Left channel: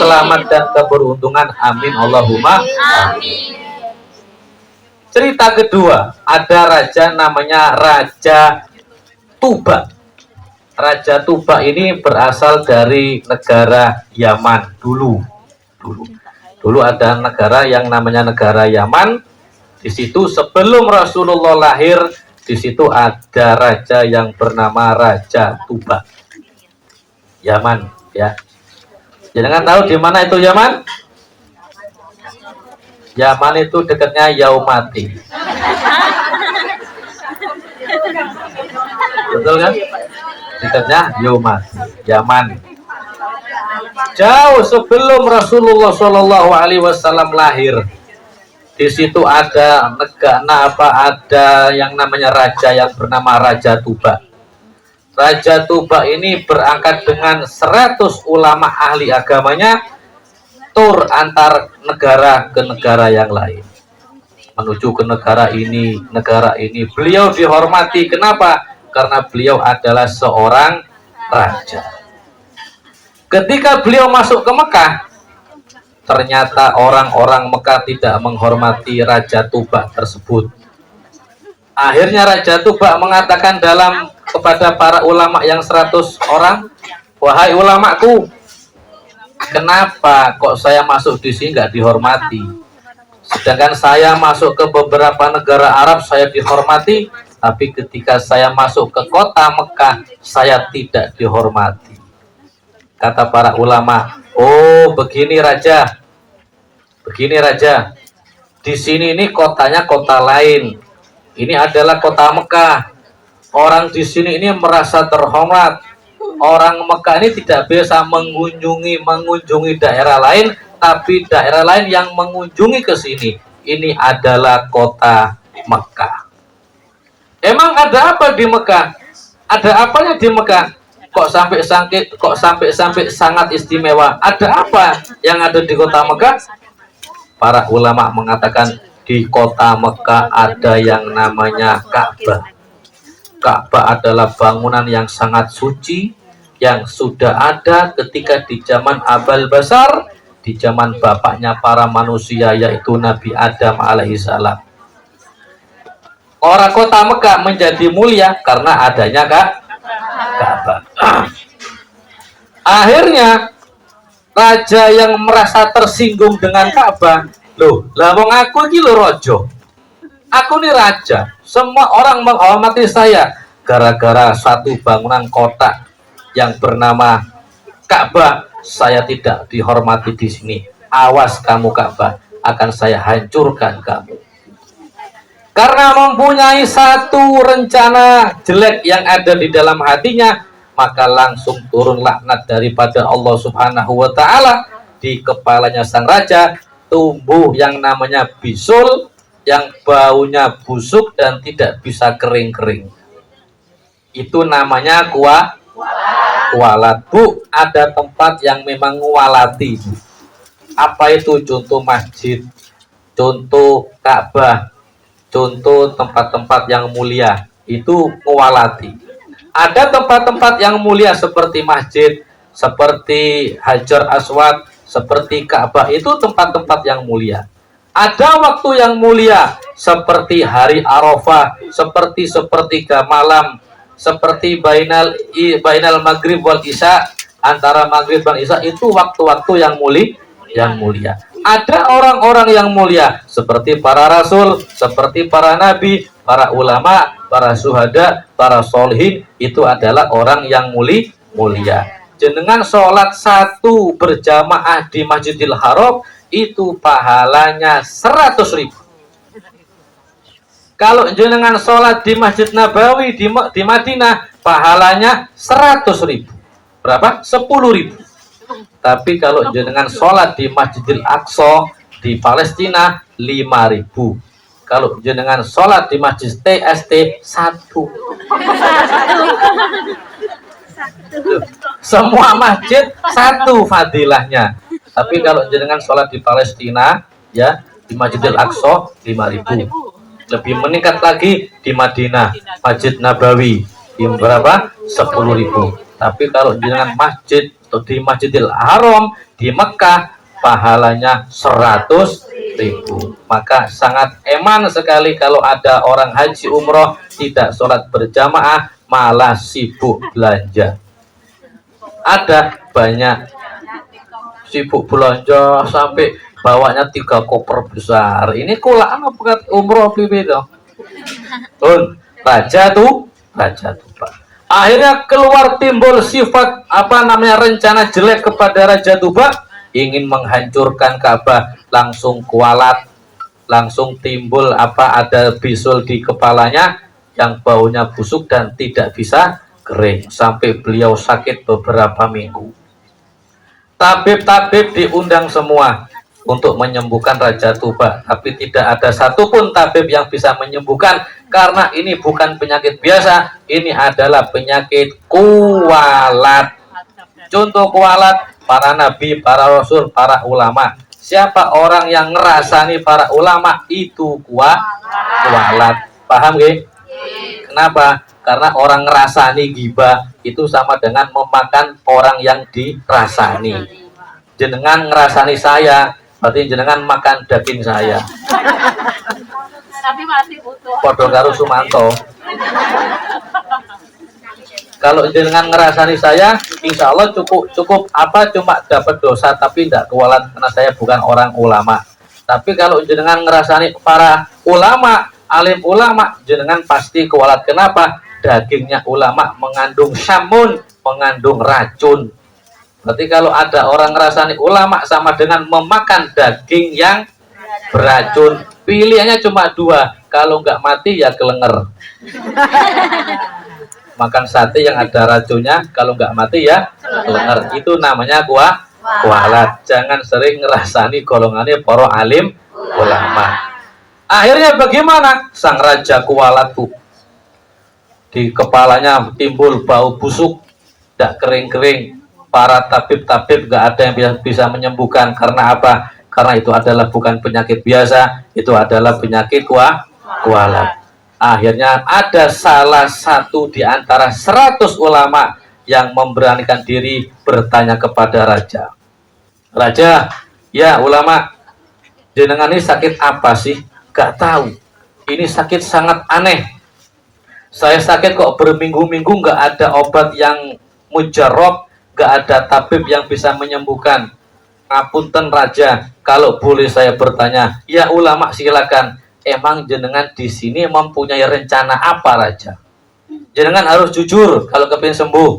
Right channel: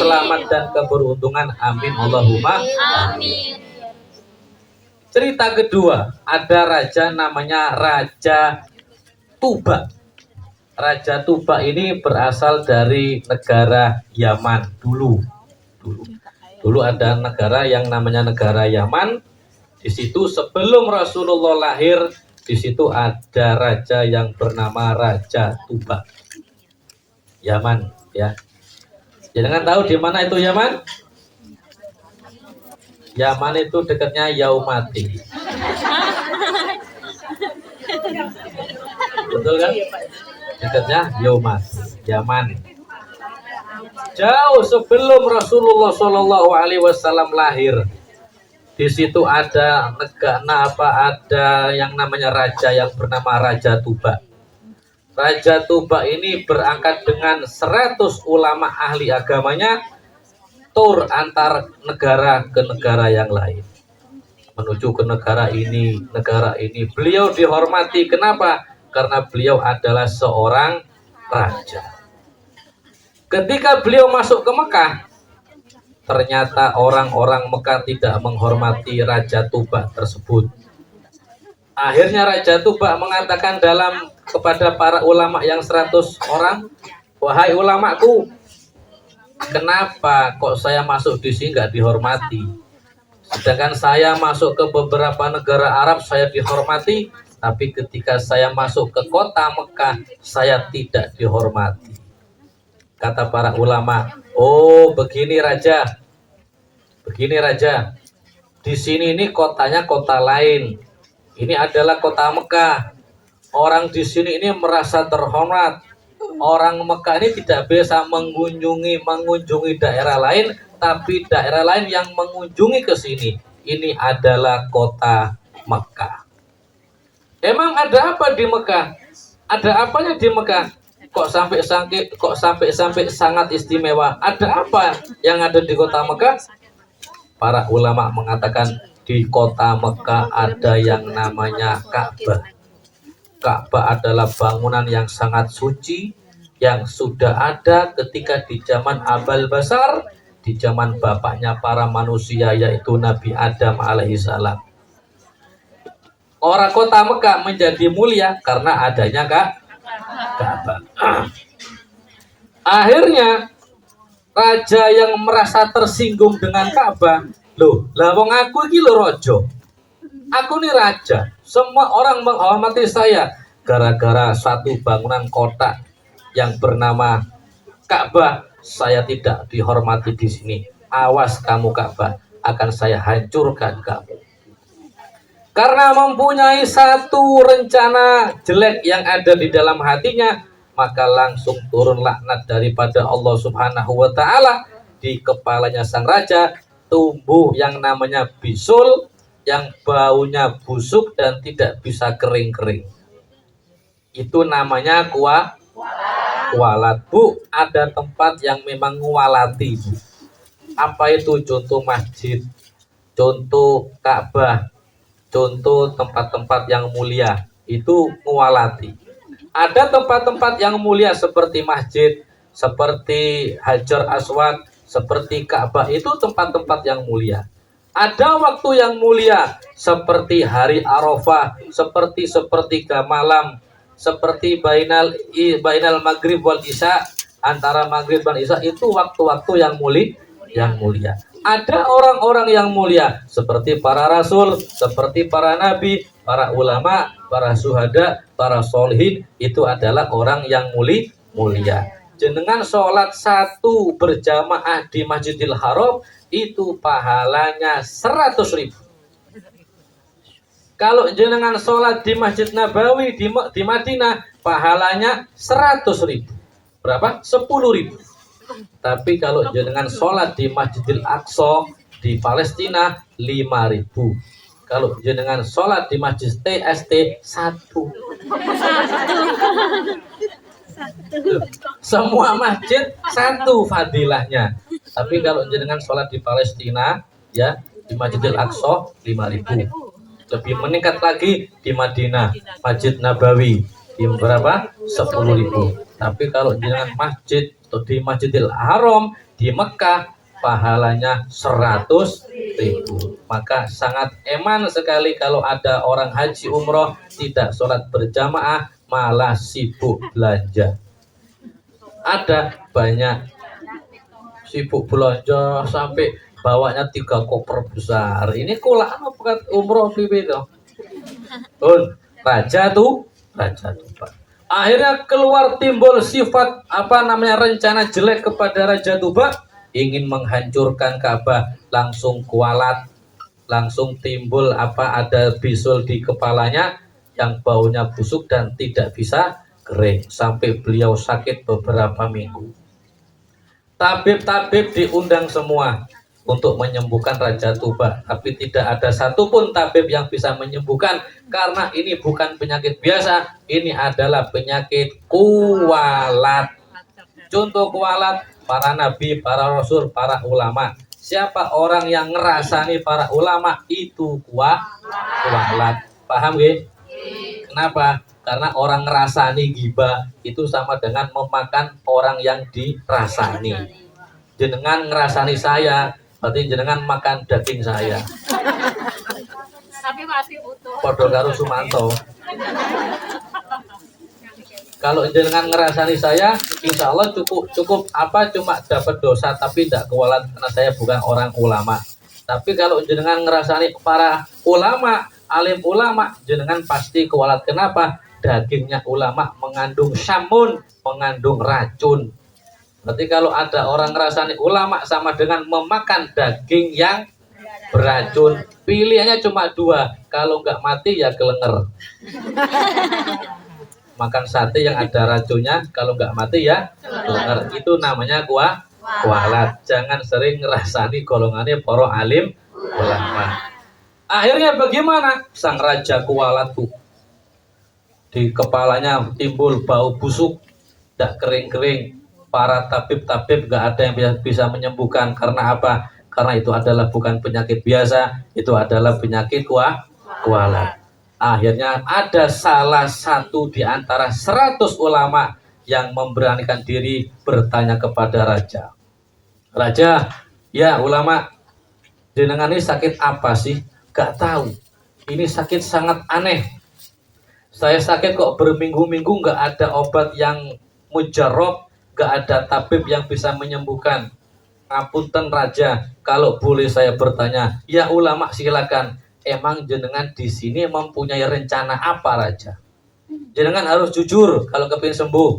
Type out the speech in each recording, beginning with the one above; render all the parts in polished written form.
selamat dan keberuntungan. Amin Allahumma amin. Cerita kedua, ada raja namanya Raja Tuba. Raja Tuba ini berasal dari negara Yaman dulu. Dulu ada negara yang namanya negara Yaman. Di situ sebelum Rasulullah lahir, di situ ada raja yang bernama Raja Tuba. Yaman, ya. Jangan tahu di mana itu Yaman? Yaman itu dekatnya Yaumati. Betul kan? Dekatnya Yaman. Jauh sebelum Rasulullah Shallallahu Alaihi Wasallam lahir, di situ ada ada yang namanya raja yang bernama Raja Tuba. Raja Tuba ini berangkat dengan 100 ulama ahli agamanya, tur antar negara ke negara yang lain. Menuju ke negara ini. Beliau dihormati. Kenapa? Karena beliau adalah seorang raja. Ketika beliau masuk ke Mekah, ternyata orang-orang Mekah tidak menghormati Raja Tuba tersebut. Akhirnya Raja Tuba mengatakan kepada para ulama yang 100 orang, wahai ulamaku, kenapa kok saya masuk di sini nggak dihormati? Sedangkan saya masuk ke beberapa negara Arab saya dihormati, tapi ketika saya masuk ke kota Mekah saya tidak dihormati. Kata para ulama, oh begini raja, di sini ini kotanya kota lain, ini adalah kota Mekah. Orang di sini ini merasa terhormat. Orang Mekah ini tidak biasa mengunjungi daerah lain, tapi daerah lain yang mengunjungi ke sini. Ini adalah kota Mekah. Emang ada apa di Mekah? Ada apanya di Mekah? Kok sampai sangat istimewa? Ada apa yang ada di kota Mekah? Para ulama mengatakan di kota Mekah ada yang namanya Ka'bah. Ka'bah adalah bangunan yang sangat suci, yang sudah ada ketika di zaman Abal Basar, di zaman bapaknya para manusia, yaitu Nabi Adam alaihissalam. Orang kota Mekah menjadi mulia karena adanya Ka'bah. Akhirnya raja yang merasa tersinggung dengan Ka'bah, loh, lah wong aku iki lho raja. Aku nih raja, semua orang menghormati saya gara-gara satu bangunan kota yang bernama Ka'bah, saya tidak dihormati di sini. Awas kamu Ka'bah, akan saya hancurkan kamu. Karena mempunyai satu rencana jelek yang ada di dalam hatinya, maka langsung turun laknat daripada Allah Subhanahu wa Ta'ala. Di kepalanya sang raja tumbuh yang namanya bisul, yang baunya busuk dan tidak bisa kering-kering. Itu namanya kualat. Bu, ada tempat yang memang ngualati. Apa itu? Contoh masjid, contoh Ka'bah, contoh tempat-tempat yang mulia, itu ngualati. Ada tempat-tempat yang mulia seperti masjid, seperti Hajar Aswad, seperti Ka'bah, itu tempat-tempat yang mulia. Ada waktu yang mulia seperti hari Arafah, seperti sepertiga malam, seperti bainal maghrib wal isya, antara maghrib dan isya, itu waktu-waktu yang mulia. Ada orang-orang yang mulia seperti para rasul, seperti para nabi, para ulama, para syuhada, para sholihin, itu adalah orang yang mulia. Jenengan sholat satu berjamaah di Masjidil Haram itu pahalanya 100.000. Kalau jenengan sholat di Masjid Nabawi di Madinah pahalanya 100.000. Berapa? 10.000. Tapi kalau jenengan sholat di Masjidil Aqsa di Palestina 5.000. Kalau jenengan sholat di Masjid TST 1. Semua masjid satu fadilahnya. Tapi kalau jenengan sholat di Palestina, ya, di Masjidil Aqsa 5.000. Lebih meningkat lagi di Madinah, Masjid Nabawi di berapa? 10.000. Tapi kalau jenengan masjid di Masjidil Haram di Mekah pahalanya 100.000. Maka sangat eman sekali kalau ada orang haji umroh tidak sholat berjamaah malah sibuk belanja. Ada banyak sibuk belanja sampai bawanya 3 koper besar. Ini kula apa umroh pipi toh? Raja tuh Pak. Akhirnya keluar timbul sifat rencana jelek kepada Raja Tuba, ingin menghancurkan Ka'bah, langsung kualat, langsung timbul ada bisul di kepalanya yang baunya busuk dan tidak bisa kering sampai beliau sakit beberapa minggu. Tabib-tabib diundang semua untuk menyembuhkan Raja Tuba, tapi tidak ada satupun tabib yang bisa menyembuhkan karena ini bukan penyakit biasa, ini adalah penyakit kualat. Contoh kualat para nabi, para rasul, para ulama. Siapa orang yang ngerasani para ulama itu kualat. Paham gak? Kenapa? Karena orang ngerasani ghibah itu sama dengan memakan orang yang dirasani. Jenengan ngerasani saya, berarti jenengan makan daging saya. Tapi masih utuh. Podo karo Sumanto. Kalau jenengan ngerasani saya, insya Allah cukup cuma dapat dosa tapi tidak kualat karena saya bukan orang ulama. Tapi kalau jenengan ngerasani para ulama, alim ulama, jenengan pasti kualat. Kenapa? Dagingnya ulama mengandung samun, mengandung racun. Berarti kalau ada orang ngerasani ulama sama dengan memakan daging yang beracun. Pilihannya cuma 2. Kalau nggak mati ya kelenger. Makan sate yang ada racunnya, kalau nggak mati ya kelenger. Itu namanya kualat. Jangan sering ngerasani golongannya para alim ulama. Akhirnya bagaimana? Sang raja kualat, Bu. Di kepalanya timbul bau busuk, tidak kering-kering. Para tabib-tabib nggak ada yang bisa menyembuhkan. Karena apa? Karena itu adalah bukan penyakit biasa, itu adalah penyakit kualat. Akhirnya ada salah satu di antara 100 ulama yang memberanikan diri bertanya kepada raja. Raja, ya ulama, jenengan ini sakit apa sih? Gak tahu. Ini sakit sangat aneh. Saya sakit kok berminggu-minggu gak ada obat yang mujarab, gak ada tabib yang bisa menyembuhkan. Ngapunten raja, kalau boleh saya bertanya, ya ulama silakan. Emang jenengan di sini mempunyai rencana apa raja? Jenengan harus jujur kalau kepingin sembuh.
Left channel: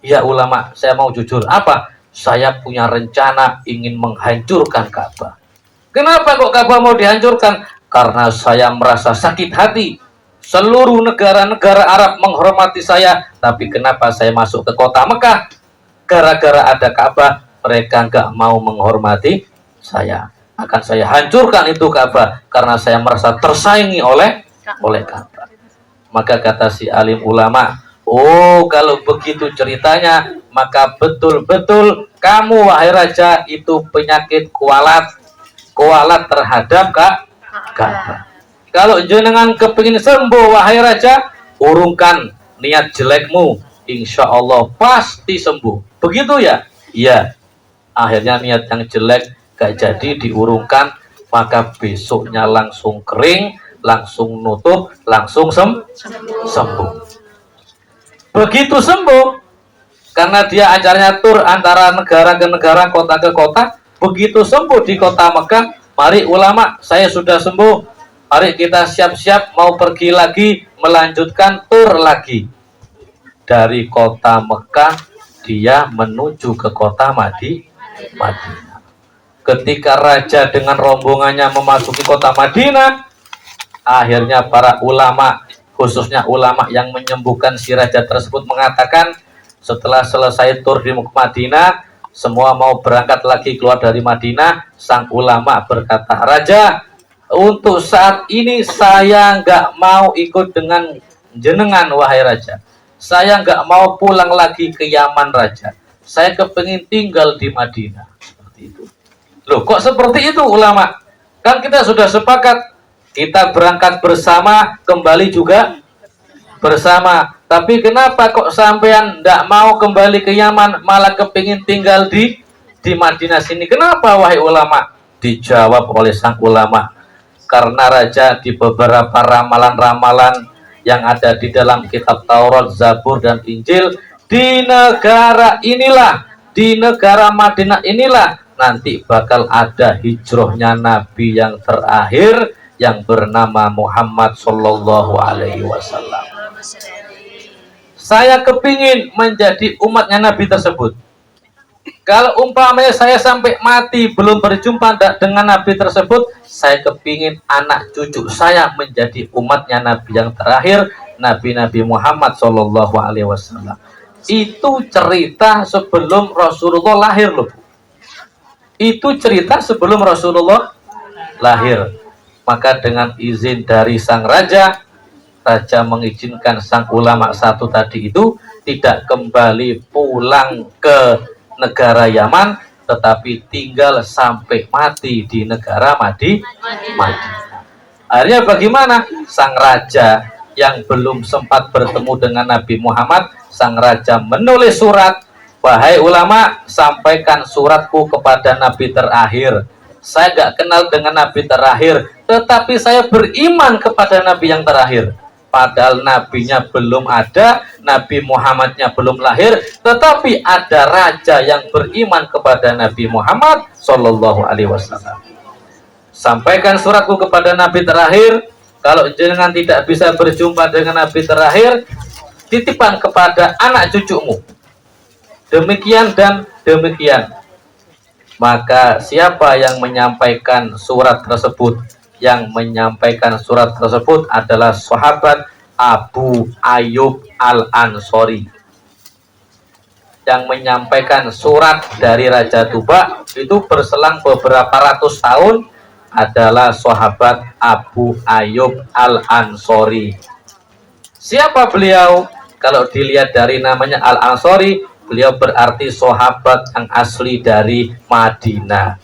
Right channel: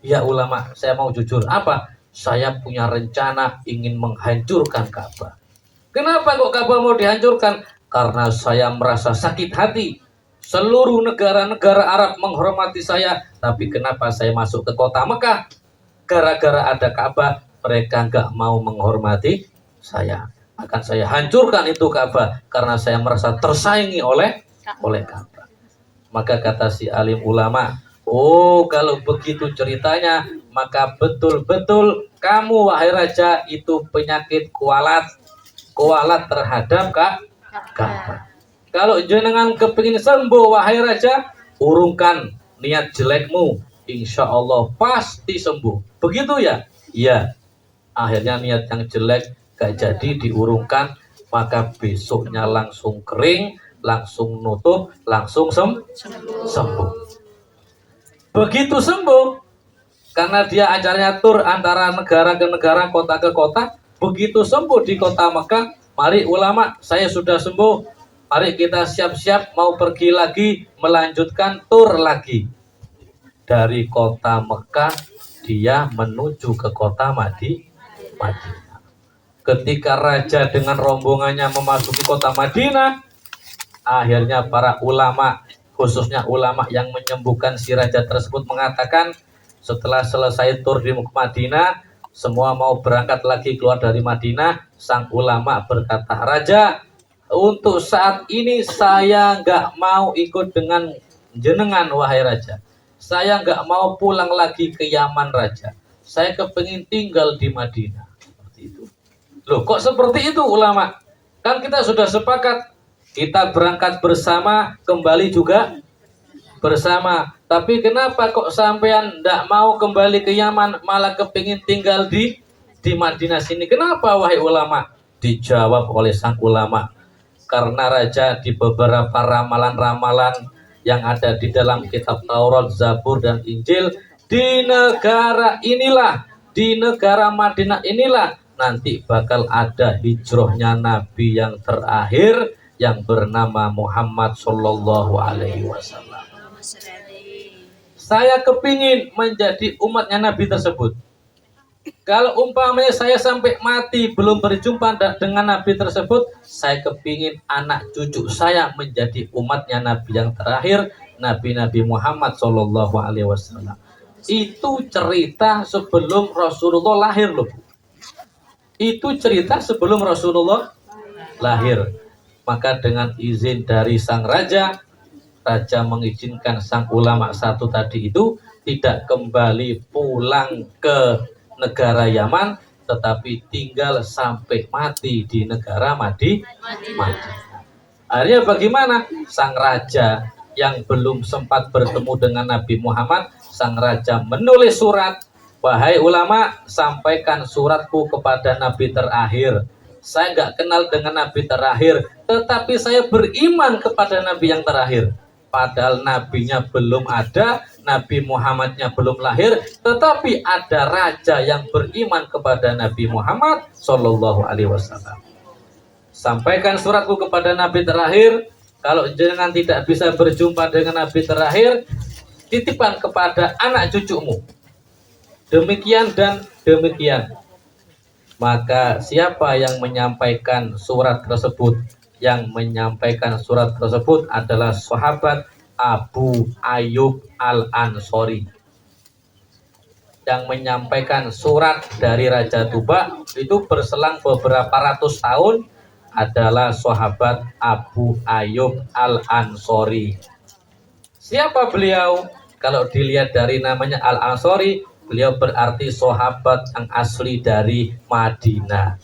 Ya ulama, saya mau jujur. Apa? Saya punya rencana ingin menghancurkan Ka'bah. Kenapa kok Ka'bah mau dihancurkan? Karena saya merasa sakit hati. Seluruh negara-negara Arab menghormati saya, tapi kenapa saya masuk ke kota Mekah? Gara-gara ada Ka'bah, mereka nggak mau menghormati saya. Akan saya hancurkan itu Ka'bah karena saya merasa tersaingi oleh Ka'bah. Maka kata si alim ulama, oh kalau begitu ceritanya, maka betul-betul kamu wahai raja itu penyakit kualat terhadap Ka'bah. Kalau jenengan kepingin sembuh wahai raja, urungkan niat jelekmu, insya Allah pasti sembuh. Begitu ya? Iya. Akhirnya niat yang jelek gak jadi diurungkan, maka besoknya langsung kering, langsung nutup, langsung sembuh. Begitu sembuh, karena dia acaranya tur antara negara ke negara, kota ke kota. Begitu sembuh di kota Mekah, mari ulama, saya sudah sembuh. Mari kita siap-siap mau pergi lagi, melanjutkan tur lagi. Dari kota Mekah, dia menuju ke kota Madinah. Ketika raja dengan rombongannya memasuki kota Madinah, akhirnya para ulama, khususnya ulama yang menyembuhkan si raja tersebut mengatakan, setelah selesai tur di Madinah, semua mau berangkat lagi keluar dari Madinah. Sang ulama berkata, raja, untuk saat ini saya nggak mau ikut dengan jenengan wahai raja. Saya nggak mau pulang lagi ke Yaman raja. Saya kepingin tinggal di Madinah. Seperti itu. Loh kok seperti itu ulama? Kan kita sudah sepakat kita berangkat bersama, kembali juga bersama. Tapi kenapa kok sampean ndak mau kembali ke Yaman, malah kepingin tinggal di Madinah sini? Kenapa wahai ulama? Dijawab oleh sang ulama, karena raja di beberapa ramalan-ramalan yang ada di dalam kitab Taurat, Zabur, dan Injil, di negara inilah, di negara Madinah inilah nanti bakal ada hijrahnya Nabi yang terakhir yang bernama Muhammad Sallallahu Alaihi Wasallam. Saya kepingin menjadi umatnya Nabi tersebut. Kalau umpamanya saya sampai mati belum berjumpa dengan Nabi tersebut, saya kepingin anak cucu saya menjadi umatnya Nabi yang terakhir, Nabi Muhammad Sallallahu Alaihi Wasallam. Itu cerita sebelum Rasulullah lahir loh, Bu. Itu cerita sebelum Rasulullah lahir. Maka dengan izin dari sang raja, raja mengizinkan sang ulama satu tadi itu tidak kembali pulang ke negara Yaman, tetapi tinggal sampai mati di negara Madinah. Akhirnya bagaimana? Sang raja yang belum sempat bertemu dengan Nabi Muhammad, sang raja menulis surat, wahai ulama, sampaikan suratku kepada Nabi terakhir. Saya gak kenal dengan Nabi terakhir, tetapi saya beriman kepada Nabi yang terakhir. Padahal nabinya belum ada, Nabi Muhammadnya belum lahir, tetapi ada raja yang beriman kepada Nabi Muhammad Sallallahu Alaihi Wasallam. Sampaikan suratku kepada Nabi terakhir. Kalau jenengan tidak bisa berjumpa dengan Nabi terakhir, titipkan kepada anak cucumu. Demikian dan demikian. Maka siapa yang menyampaikan surat tersebut? Yang menyampaikan surat tersebut adalah sahabat Abu Ayyub Al-Ansori. Yang menyampaikan surat dari Raja Tuba itu berselang beberapa ratus tahun adalah sahabat Abu Ayyub Al-Ansori. Siapa beliau? Kalau dilihat dari namanya Al-Ansori, beliau berarti sahabat yang asli dari Madinah.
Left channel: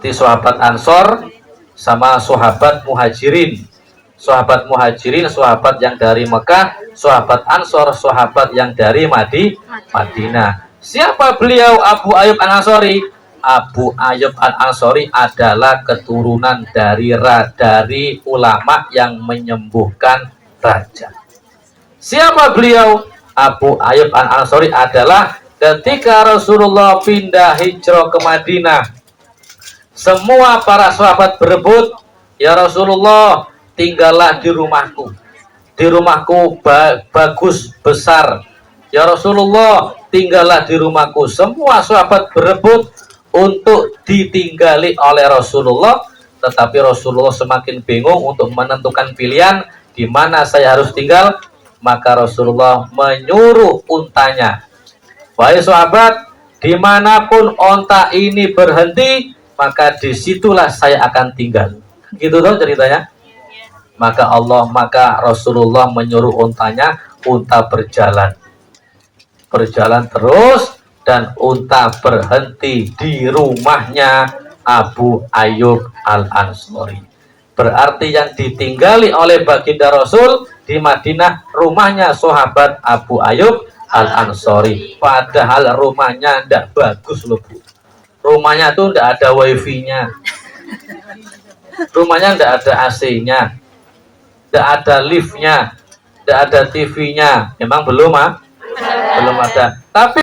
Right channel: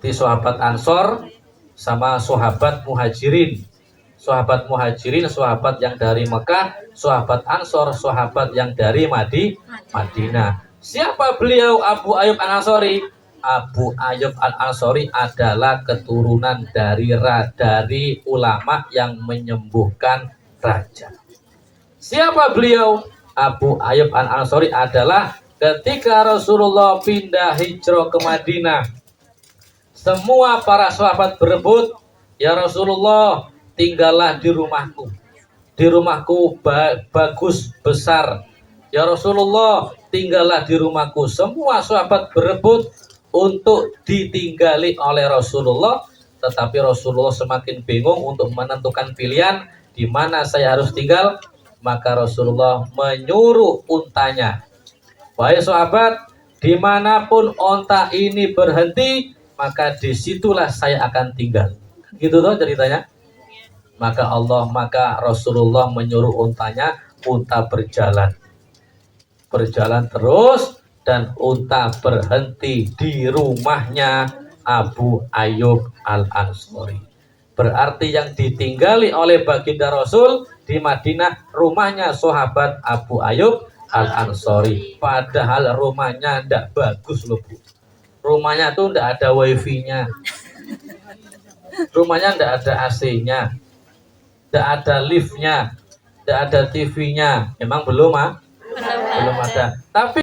Di sahabat Ansor sama sahabat Muhajirin. Sahabat Muhajirin, sahabat yang dari Mekah. Sahabat Ansor, sahabat yang dari Madinah. Siapa beliau Abu Ayyub Al-Ansori? Abu Ayyub Al-Ansori adalah keturunan dari ulama yang menyembuhkan raja. Siapa beliau? Abu Ayyub Al-Ansori adalah ketika Rasulullah pindah hijrah ke Madinah, semua para sahabat berebut, ya Rasulullah, tinggallah di rumahku. Di rumahku bagus, besar. Ya Rasulullah, tinggallah di rumahku. Semua sahabat berebut untuk ditinggali oleh Rasulullah, tetapi Rasulullah semakin bingung untuk menentukan pilihan di mana saya harus tinggal. Maka Rasulullah menyuruh untanya, wahai sahabat, dimanapun onta ini berhenti, maka disitulah saya akan tinggal. Gitu toh ceritanya. Maka Rasulullah menyuruh untanya, unta berjalan terus, dan unta berhenti di rumahnya Abu Ayyub Al-Ansori. Berarti yang ditinggali oleh baginda Rasul di Madinah rumahnya sahabat Abu Ayyub Al-Ansori. Padahal rumahnya tidak bagus loh, Bu. Rumahnya tuh tidak ada wifi-nya, rumahnya tidak ada AC-nya, tidak ada lift-nya, tidak ada TV-nya. Memang belum ada. Tapi